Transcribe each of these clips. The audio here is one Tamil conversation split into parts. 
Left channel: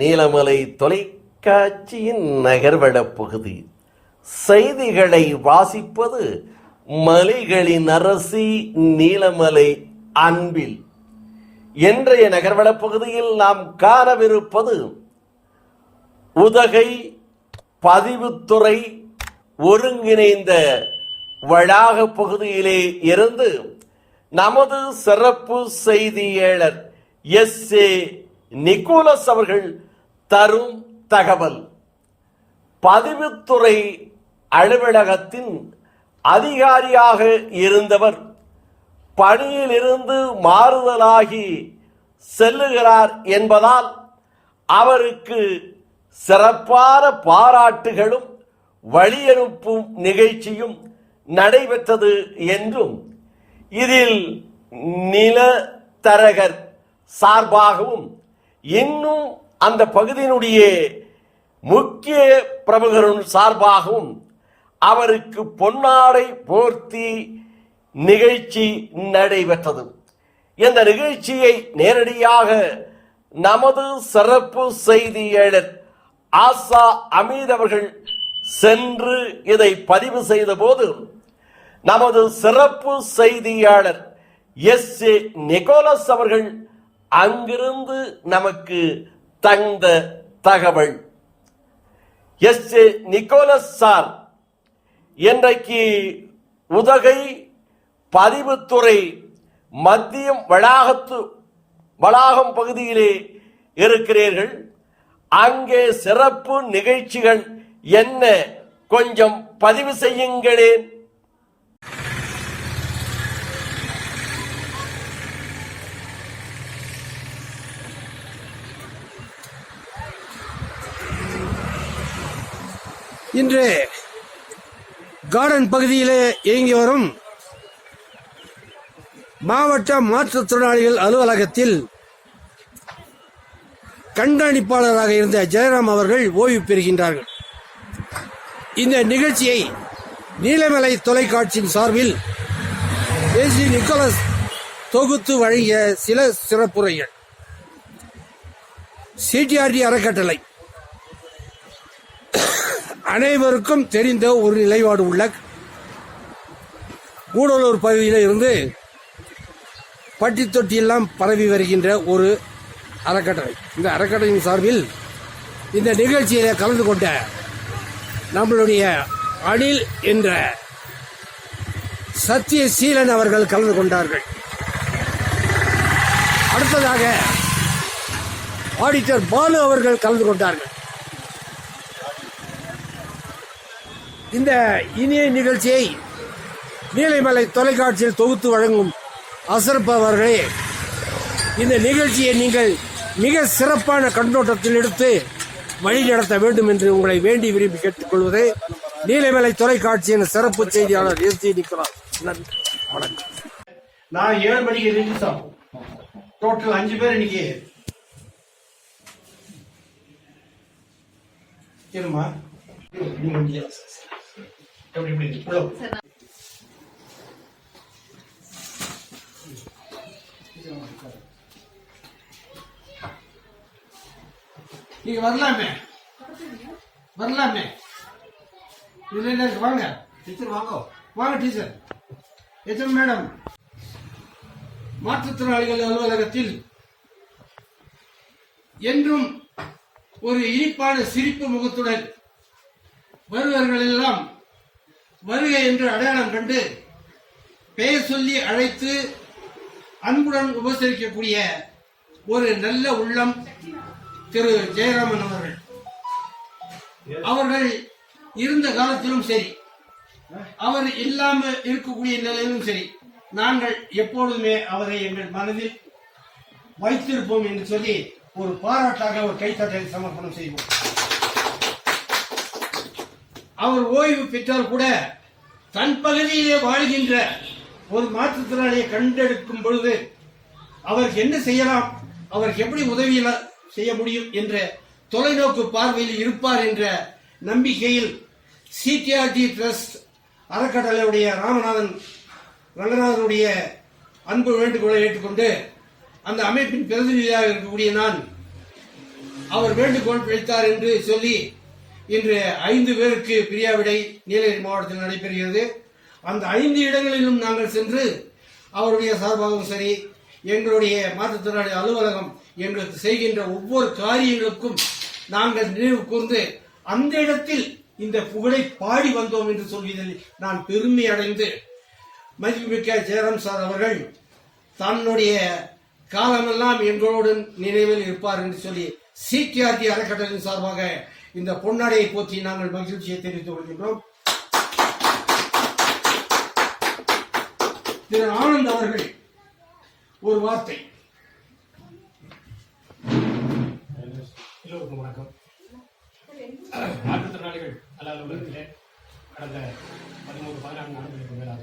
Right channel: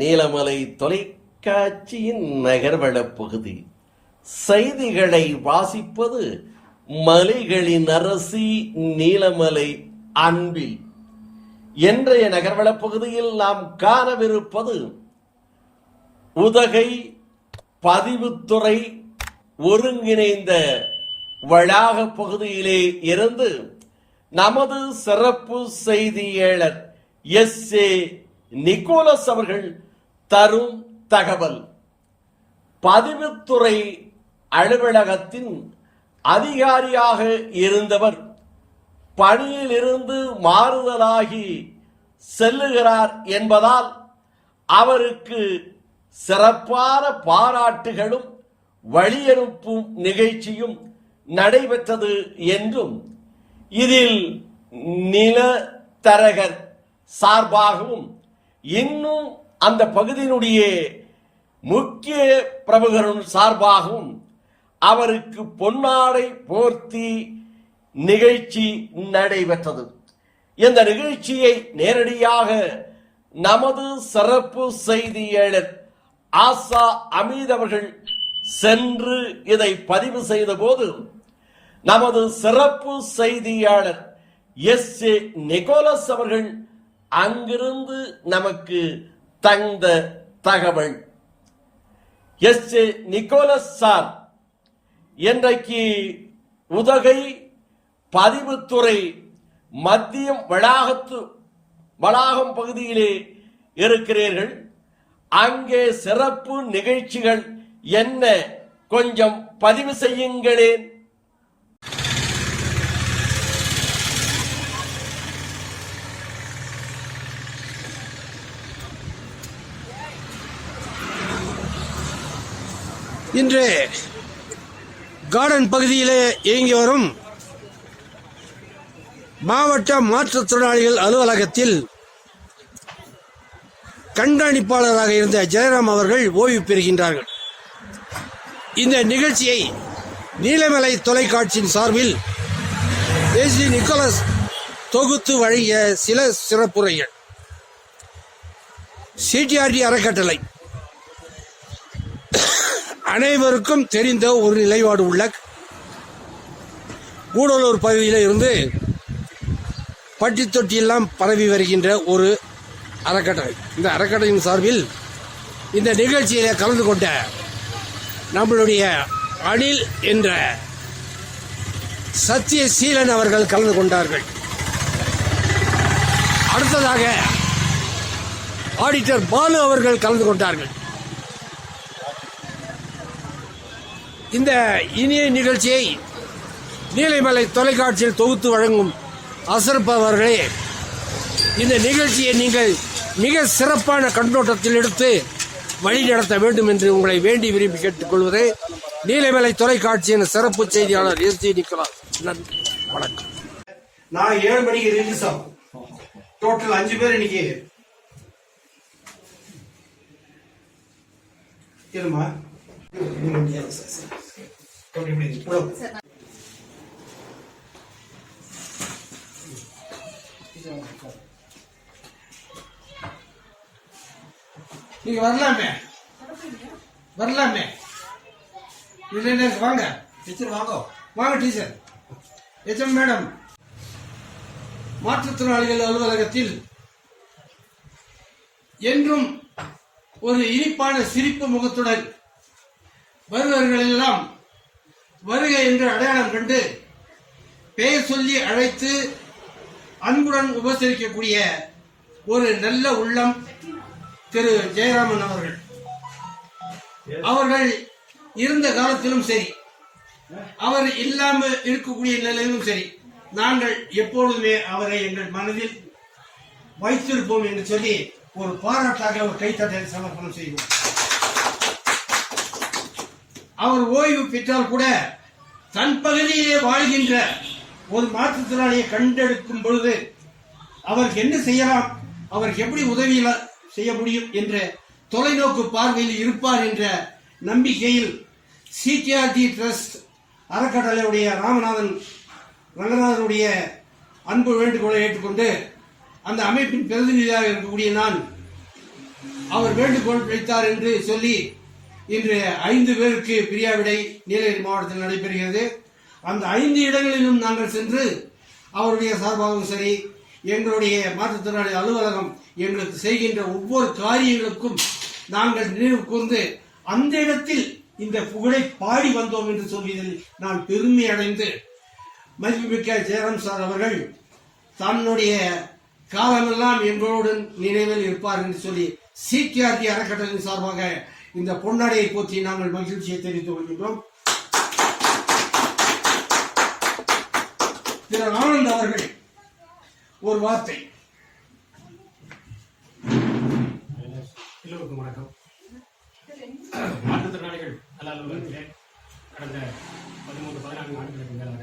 நீலமலை தொலைக்காட்சியின் நகர்வளப் பகுதி செய்திகளை வாசிப்பது மலைகளின் அரசி நீலமலை அன்பில். இன்றைய நகர்வளப் பகுதியில் நாம் காணவிருப்பது உதகை பதிவுத்துறை ஒருங்கிணைந்த வளாக பகுதியிலே இருந்து நமது சிறப்பு செய்தியாளர் எஸ்.ஏ. நிக்கோலஸ் அவர்கள் தரும் தகவல். பதிவுத்துறை அலுவலகத்தின் அதிகாரியாக இருந்தவர் பணியில் இருந்து மாறுதலாகி செல்லுகிறார் என்பதால் அவருக்கு சிறப்பான பாராட்டுகளும் வழியனுப்பும் நிகழ்ச்சியும் நடைபெற்றது என்றும் இதில் நிலத்தரகர் சார்பாகவும் இன்னும் அந்த பகுதியினுடைய முக்கிய பிரமுகரும் சார்பாகவும் அவருக்கு பொன்னாடை போர்த்தி நிகழ்ச்சி நடைபெற்றது. இந்த நிகழ்ச்சியை நேரடியாக நமது சிறப்பு செய்தியாளர் ஆசா அமீத் அவர்கள் சென்று இதை பதிவு செய்த போது நமது சிறப்பு செய்தியாளர் எஸ்.ஏ. நிக்கோலஸ் அவர்கள் அங்கிருந்து நமக்கு தந்த தகவல். எஸ்.ஏ. நிக்கோலஸ் சார், இன்றைக்கு உதகை பதிவுத்துறை மத்தியம் வளாகம் பகுதியிலே இருக்கிறீர்கள். அங்கே சிறப்பு நிகழ்ச்சிகள் என்ன, கொஞ்சம் பதிவு செய்யுங்களேன். இன்று கார்டன் பகுதியிலே இயங்கி வரும் மாவட்ட மாற்றுத்திறனாளிகள் அலுவலகத்தில் கண்காணிப்பாளராக இருந்த ஜெயராம் அவர்கள் ஓய்வு பெறுகின்றார்கள். இந்த நிகழ்ச்சியை நீலமலை தொலைக்காட்சியின் சார்பில் எஸ்.ஏ. நிக்கோலஸ் தொகுத்து வழங்கிய சில சிறப்புரைகள். சிடிஆர்டி அறக்கட்டளை அனைவருக்கும் தெரிந்த ஒரு நிலைப்பாடு உள்ள கூடலூர் பகுதியில் இருந்து பட்டி தொட்டியெல்லாம் பரவி வருகின்ற ஒரு அறக்கட்டளை. இந்த அறக்கட்டளையின் சார்பில் இந்த நிகழ்ச்சியில் கலந்து கொண்ட நம்மளுடைய அனில் என்ற சத்தியசீலன் அவர்கள் கலந்து கொண்டார்கள். அடுத்ததாக ஆடிட்டர் பாலு அவர்கள் கலந்து கொண்டார்கள். இந்த இனிய நிகழ்ச்சியை நீலமலை தொலைக்காட்சியில் தொகுத்து வழங்கும் அசரப் அவர்களே, இந்த நிகழ்ச்சியை நீங்கள் மிக சிறப்பான கண்ணோட்டத்தில் எடுத்து வழி நடத்த வேண்டும் என்று உங்களை வேண்டி விரும்பி கேட்டுக்கொள்வது நீலமலை தொலைக்காட்சியின் சிறப்பு செய்தியாளர் எஸ்.ஏ. நிக்கோலஸ். நன்றி, வணக்கம். நான் 7 மணிக்கு ரிலீஸ் ஆகும். டோட்டல் 5 பேர் இன்னைக்கு இருமா. நீங்க வரலாமே இல்ல, வாங்க டீச்சர், வாங்க டீச்சர். எச்எம் மேடம், மாற்றுத்திறனாளிகள் அலுவலகத்தில் என்றும் ஒரு இனிப்பான சிரிப்பு முகத்துடன் வருபவர்கள் எல்லாம் வருகை என்று அடையாளம் கண்டு பெயர் சொல்லி அழைத்து அன்புடன் உபசரிக்கக்கூடிய ஒரு நல்ல உள்ளம் திரு ஜெயராமன் அவர்கள். அவர்கள் இருந்த காலத்திலும் சரி, அவர் இல்லாமல் இருக்கக்கூடிய நிலையிலும் சரி, நாங்கள் எப்பொழுதுமே அவரை எங்கள் மனதில் வைத்திருப்போம் என்று சொல்லி ஒரு பாராட்டாக ஒரு கைத்தட்டலை சமர்ப்பணம் செய்வோம். அவர் ஓய்வு பெற்றால் கூட தன் பகுதியிலே வாழ்கின்ற ஒரு மாற்றுத்திறனாளியை கண்டெடுக்கும் பொழுது அவருக்கு என்ன செய்யலாம், அவருக்கு எப்படி உதவி செய்ய முடியும் என்ற தொலைநோக்கு பார்வையில் இருப்பார் என்ற நம்பிக்கையில் சிடிஆர்டி ட்ரஸ்ட் அறக்கட்டளையுடைய ரங்கநாதனுடைய அன்பு வேண்டுகோளை ஏற்றுக்கொண்டு அந்த அமைப்பின் பிரதிநிதியாக இருக்கக்கூடிய நான் அவர் வேண்டுகோள் வைத்தார் என்று சொல்லி இன்று 5 பேருக்கு பிரியாவிடை நீலகிரி மாவட்டத்தில் நடைபெறுகிறது. அந்த 5 இடங்களிலும் நாங்கள் சென்று அவருடைய சார்பாகவும் சரி, எங்களுடைய மாற்றுத்திறனாளி அலுவலகம் எங்களுக்கு செய்கின்ற ஒவ்வொரு காரியங்களுக்கும் நாங்கள் நினைவு கூர்ந்து அந்த இடத்தில் இந்த புகழை பாடி வந்தோம் என்று சொல்வதில் நான் பெருமை அடைந்து, மதிப்புமிக்க ஜெயராம் சார் அவர்கள் தன்னுடைய காலமெல்லாம் எங்களோடு நினைவில் இருப்பார் என்று சொல்லி சிடிஆர்டி அறக்கட்டளையின் சார்பாக இந்த பொன்னாடையை போற்றி நாங்கள் மகிழ்ச்சியை தெரிவித்துக் கொள்கின்றோம். திரு ஆனந்த் அவர்கள் ஒரு வார்த்தை. எல்லோருக்கும் வணக்கம். மாற்றுத்திறனாளிகள் நல அலுவலகத்திலே கடந்த 13-14 ஆண்டுகளுக்கு மேலாக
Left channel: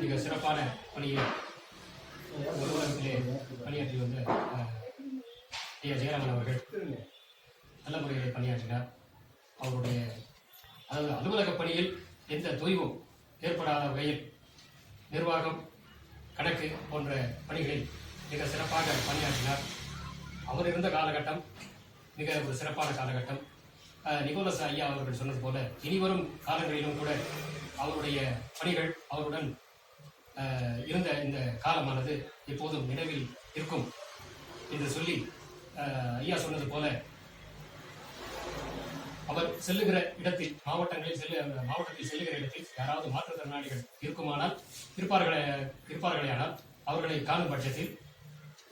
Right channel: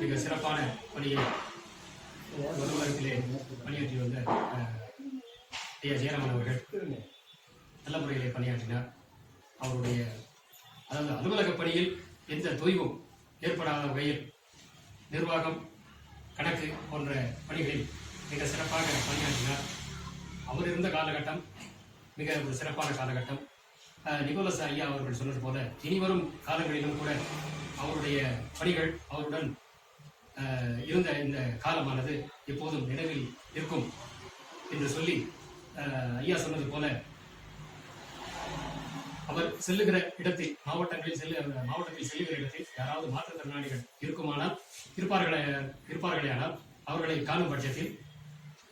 மிக சிறப்பான பணியை அலுவலகத்திலே பணியாற்றி வந்த ஐயா ஜெயராமன் அவர்கள் நல்ல முறையிலே பணியாற்றினார். அவருடைய அலுவலக பணியில் எந்த தொய்வும் ஏற்படாத வகையில் நிர்வாகம், கணக்கு போன்ற பணிகளில் மிக சிறப்பாக பணியாற்றினார். அவர் இருந்த காலகட்டம் மிக ஒரு சிறப்பான காலகட்டம். நிக்கோலஸ் ஐயா அவர்கள் சொன்னது போல இனிவரும் காலங்களிலும் கூட அவருடைய பணிகள், அவருடன் இருந்த இந்த காலமானது எப்போதும் நினைவில் இருக்கும் என்று சொல்லி, ஐயா சொன்னது போல அவர் செல்லுகிற இடத்தில், மாவட்டத்தில் செல்லுகிற இடத்தில் யாராவது மாற்றுத்திறனாளிகள் இருப்பார்களேயானால் அவர்களை காணும் பட்சத்தில்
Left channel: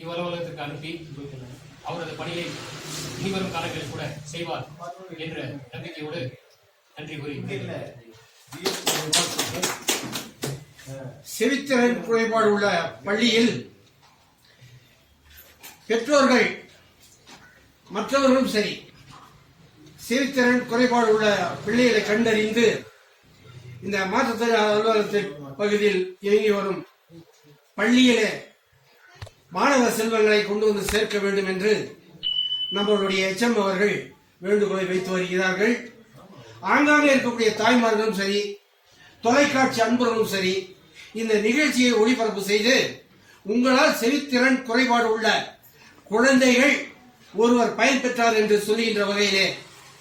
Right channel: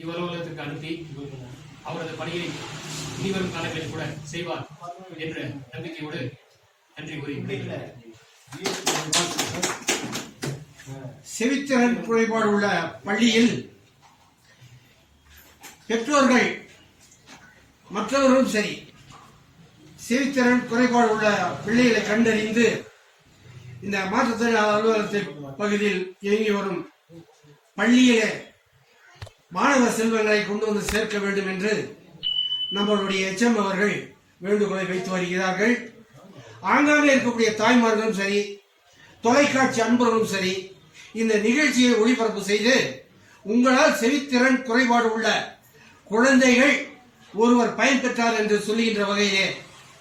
இவ்வலுவலகத்துக்கு அனுப்பி அவரது பணியை இனிவரும் காலங்களில் கூட செய்வார் என்ற நம்பிக்கையோடு நன்றி கூறி விடைபெறுகிறேன். செவித்திறன் குறைபாடு உள்ள பள்ளியில் பெற்றோர்கள் மற்றவர்களும் சரி, செவித்திறன் குறைபாடு உள்ள பிள்ளைகளை கண்டறிந்து இந்த மாற்றுத்திறனாளி அலுவலகத்தின் பகுதியில் இயங்கி வரும் பள்ளியிலே மாணவ செல்வங்களை கொண்டு வந்து சேர்க்க வேண்டும் என்று நம்மளுடைய எச்எம் அவர்கள் வேண்டுகோளை வைத்து வருகிறார்கள். ஆங்காங்கே இருக்கக்கூடிய தாய்மார்களும் சரி, தொலைக்காட்சி அன்பர்களும் சரி, இந்த நிகழ்ச்சியை ஒளிபரப்பு செய்து உங்களால் செவித்திறன் குறைபாடு உள்ள குழந்தைகள் ஒருவர் பயன்பெற்றார் என்று சொல்லுகின்ற வகையிலே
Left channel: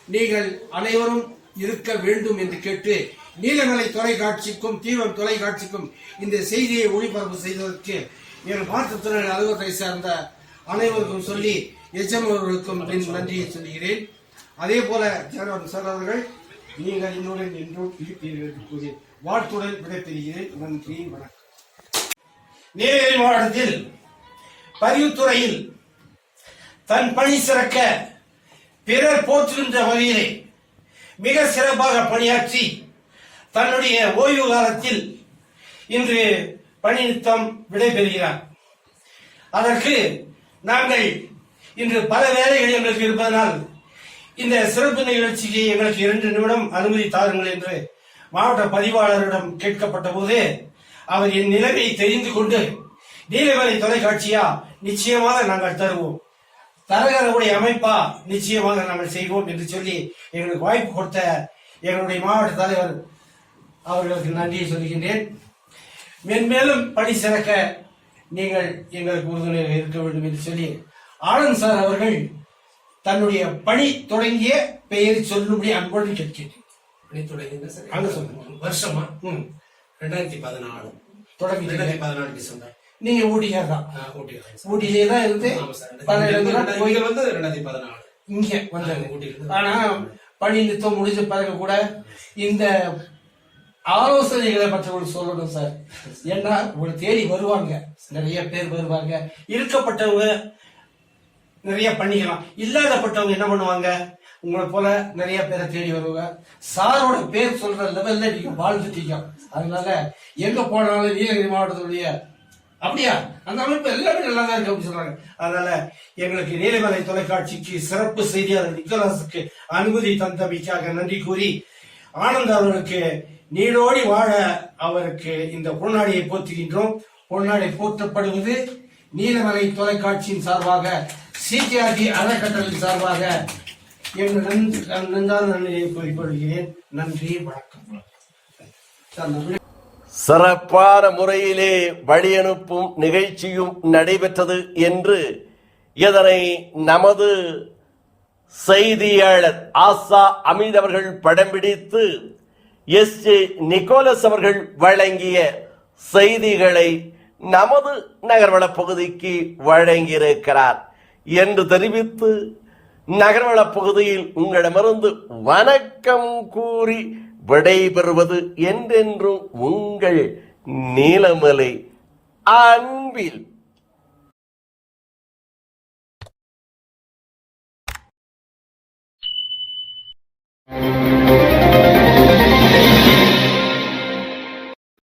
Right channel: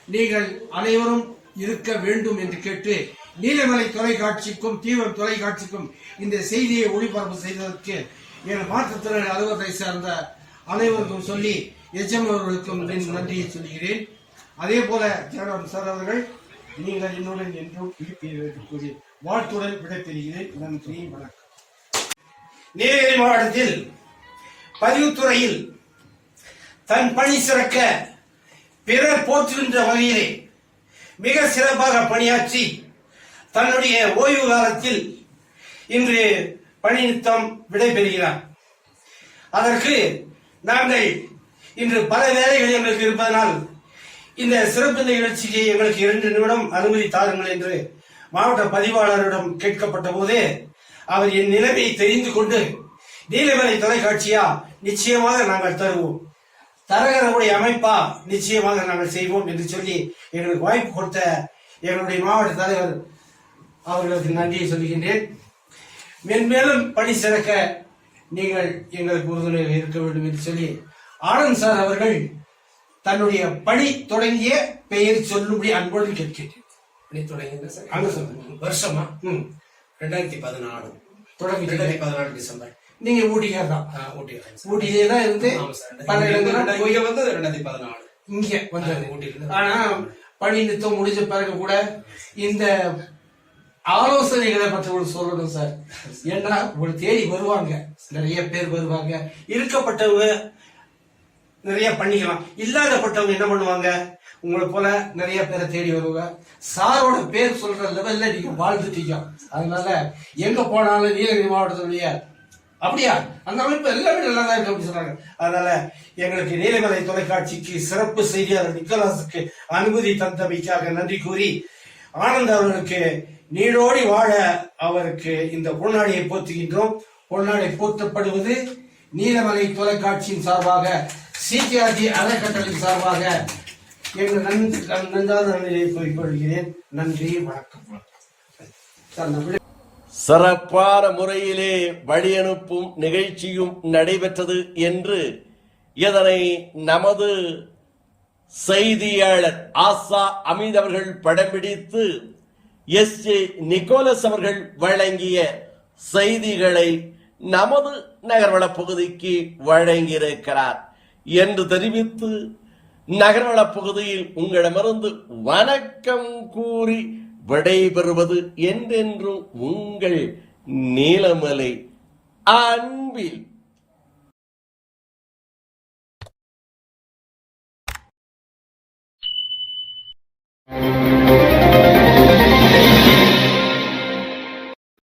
நீங்கள் அனைவரும் இருக்க வேண்டும் என்று கேட்டு, நீலமலை தொலைக்காட்சிக்கும் தீவன் தொலைக்காட்சிக்கும் இந்த செய்தியை ஒளிபரப்பு செய்வதற்கு என் மாற்றுத்திறனாளி அலுவலகத்தை சார்ந்த அனைவருக்கும் சொல்லி எச்எம் அவர்களுக்கும் நன்றியை சொல்கிறேன். அதே போல ஜெயராம் சார் அவர்கள் நீங்கள் என்னுடன் என்றும் இருப்பீர்கள் என்று கூறி வாழ்த்துடன் விடைபெறுகிறேன். நன்றி, வணக்கம். நீலகிரி மாவட்டத்தில் பதிவுத்துறையில் தன் பணி சிறக்க பிறர் போற்றுகின்ற வகையிலே மிக சிறப்பாக பணியாற்றி தன்னுடைய ஓய்வு காலத்தில் இன்று பணி நிமித்தம் விடைபெறுகிறார். அதற்கு நாங்கள் இன்று பல வேலைகள் எங்களுக்கு இருப்பதனால் இந்த சிறப்பு நிகழ்ச்சிக்கு எங்களுக்கு 2 நிமிடம் அனுமதி தாருங்கள் என்று மாவட்ட பதிவாளரிடம் கேட்கப்பட்ட போது அவர் என் நிலைமையை தெரிந்து கொண்டு, நீலமலை தொலைக்காட்சியா நிச்சயமாக நாங்கள் தருவோம், தரகரவுடைய அமைப்பா நிச்சயமாக நாங்கள் செய்வோம் என்று சொல்லி எங்களுக்கு வாய்ப்பு கொடுத்த எங்களுடைய மாவட்ட தலைவர் அவர்களுக்கு நன்றியை சொல்கின்றேன். மென்மேலும் பணி சிறக்க நீங்கள் எங்களுக்கு உறுதுணையாக இருக்க வேண்டும் என்று சொல்லி ஆனந்த் சார் அவர்கள் தன்னுடைய பணி தொடங்கிய பெயரை சொல்லும்படி அன்போடு கேட்கிறேன். பணி தொடங்கின சார் அங்க சொல்லுங்க. வருஷமா 2014 தொடங்கி 2014 டிசம்பர். நீங்க ஊட்டியார் தான்? ஊட்டியிலே தான் இருந்து பல இடங்கள் இங்க வந்தது 2014 இங்க வந்தாங்க ஊட்டியில. ஆனா பணி நிறுத்தம் முடிஞ்ச பிறகு கூட இந்த ஆலோசனைகளை மற்றவர்கள் சொல்லணும் சார். ஏன்னா உங்களை தேடி வருவாங்க, நிறைய பேர் வருவாங்க. இருக்கப்பட்டவங்க நிறைய பண்ணிக்கலாம், இல்லாதப்பட்டவங்க என்ன பண்ணுவாங்க, உங்களை போல நிறைய பேரை தேடி வருவாங்க. சாரோட பேர் சொல்ற லெவல்ல நீங்க வாழ்ந்துட்டீங்க. அதனால எங்க போனாலும் நீலகிரி மாவட்டத்துடைய அப்படியா அந்த அமைப்பு எல்லாமே நல்லா தான் இருக்கு அப்படின்னு சொல்றாங்க. அதனால எங்களுக்கு நீலமலை தொலைக்காட்சிக்கு சிறப்பு செய்தியாளர் நிக்கோலாஸுக்கு அனுமதி தந்தமைக்காக நன்றி கூறி, ஆனந்த் அவர்களுக்கு நீடோடி வாழ அவருக்கு இந்த பொன்னாடியை போற்றுகின்றோம். பொன்னாடை போற்றப்படுவது நீலமலை தொலைக்காட்சியின் சார்பாக, சிடிஆர்டி அறக்கட்டளையின் சார்பாக எங்கள் நன்றான நன்றியை கூறிக்கொள்கிறேன். நன்றி, வணக்கம். சிறப்பான முறையிலே வழியனுப்பும் நிகழ்ச்சியும் நடைபெற்றது என்று இதனை நமது செய்தியாளர் ஆசா அமீத் அவர்கள் படம் பிடித்து எஸ்.ஜே. நிக்கோலஸ் அவர்கள் வழங்கிய செய்திகளை நமது நகர்வள பகுதிக்கு வழங்கியிருக்கிறார் என்று தெரிவித்து நகர்வள பகுதியில் உங்களிடமிருந்து வணக்கம் கூறி விடைபெறுவது என்றென்றும் உங்கள் நீலமலை அன்பில்.